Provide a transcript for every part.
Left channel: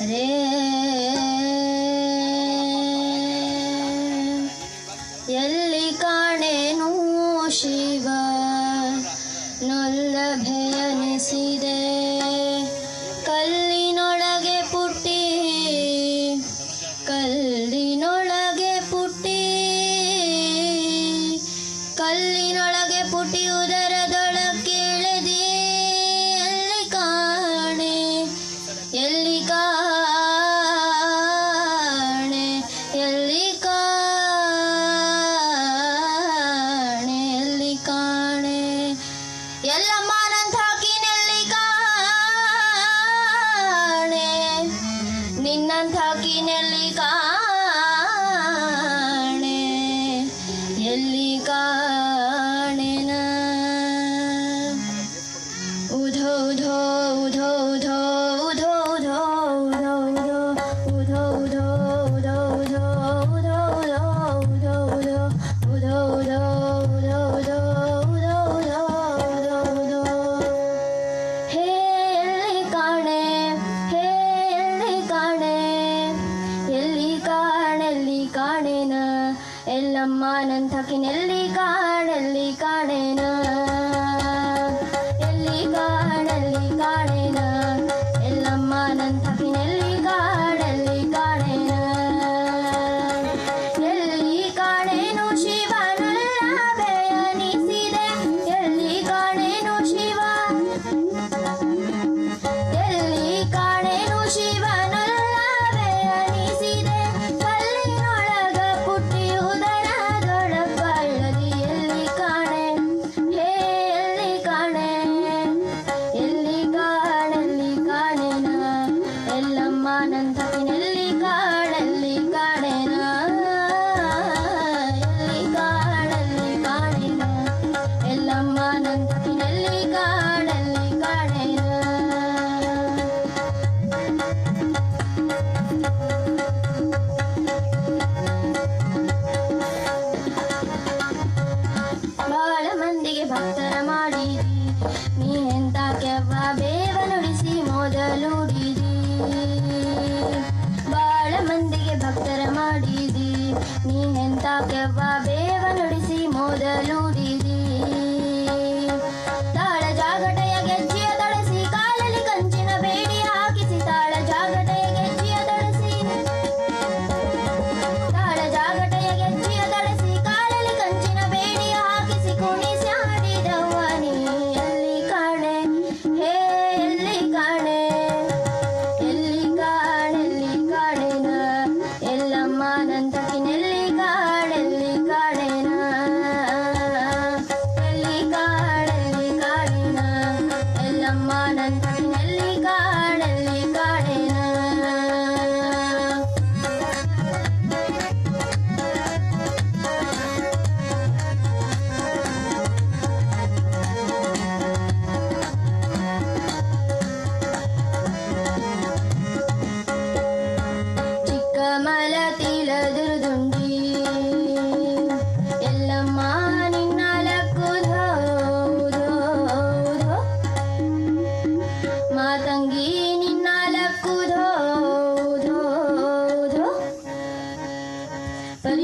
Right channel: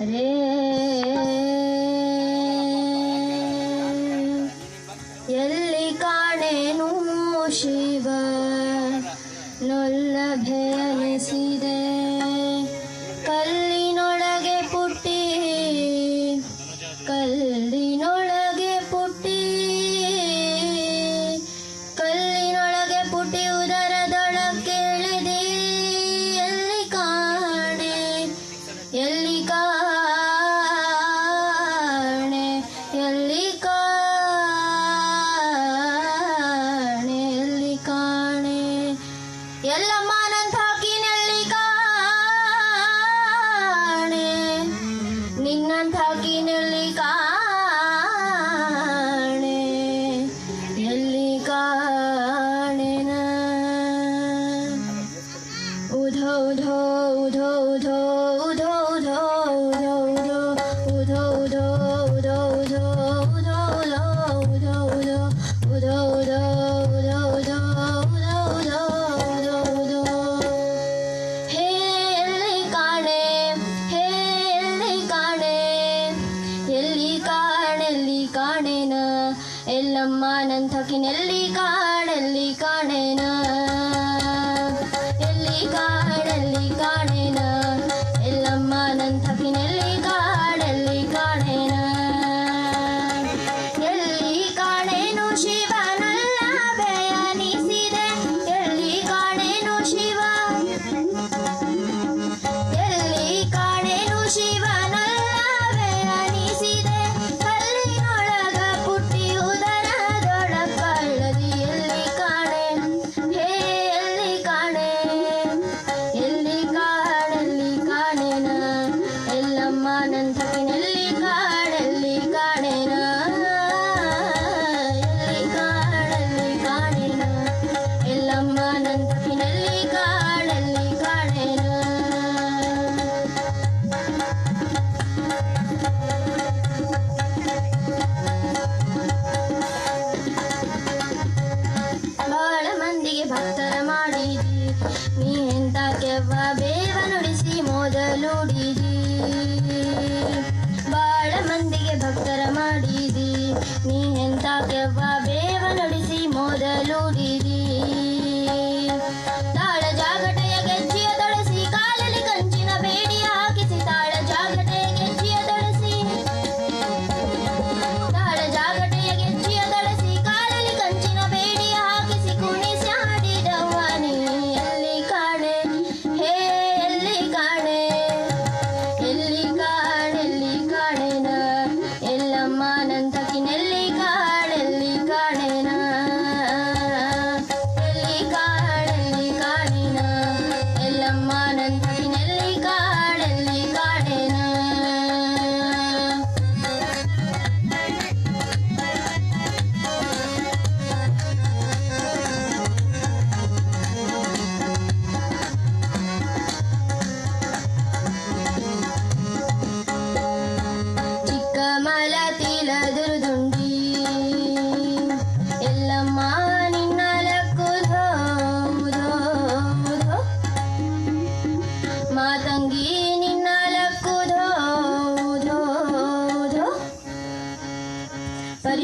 ರೇ ಎಲ್ಲಿ ಕಾಣೆನು ಶಿವ ನೊಲ್ಲಭೇ ಕಾಣೇನ? ಎಲ್ಲಮ್ಮ ನನ್ ಥಕಿನೆಲ್ಲಿ ಕಾಡಲ್ಲಿ ಕಾಣೇನ? never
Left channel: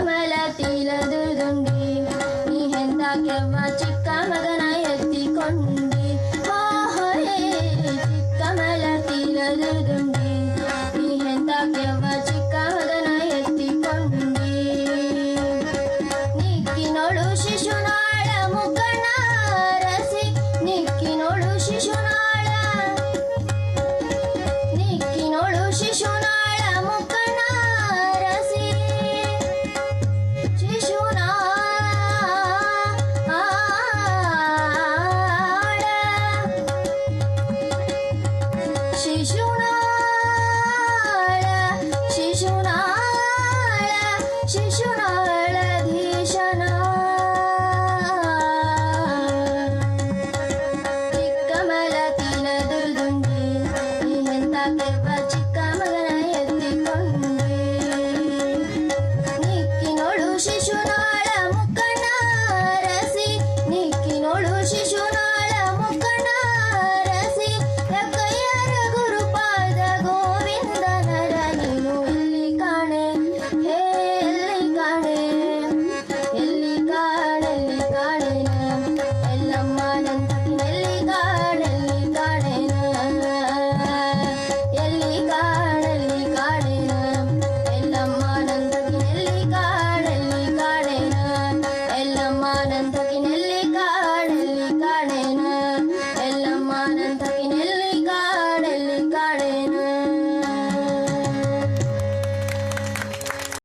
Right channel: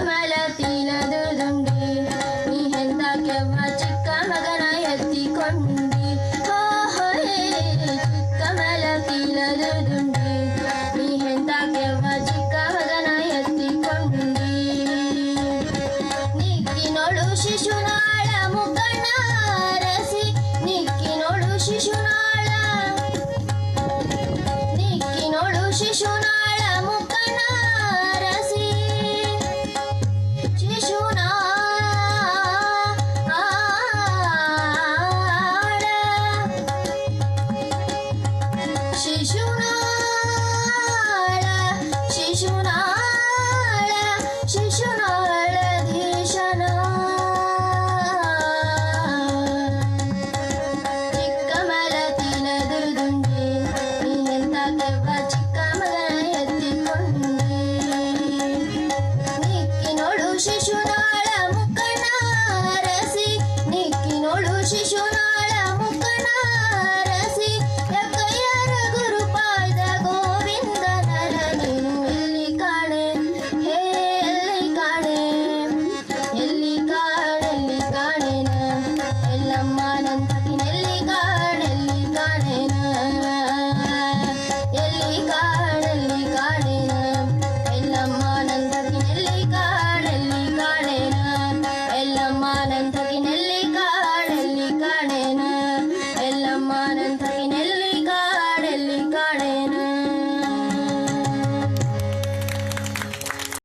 ಕಮಲತಿಲದುರುಂಡಿ ನೀ ಹೆಂದ ಕೆವ್ವ ಚಿಕ್ಕ ಮಗನ ಎತ್ತಿಕೊಂಡಿ ಓಹೋಯೇ ಚಿಕ್ಕ ಮಲತಿಲದುರುಂಡಿ ನೀ ಹೆಂದ ಕೆವ್ವ ಚಿಕ್ಕ ಮಗನ ಎತ್ತಿಕೊಂಡಿ ನಿಕ್ಕಿನೋಳು ಶಿಶುನಾಳ ಮುಖನಾರಸಿ ನಿಕ್ಕಿನೋಳು ಶಿಶುನಾಳ ನಿಕ್ಕಿನೋಳು ಶಿಶು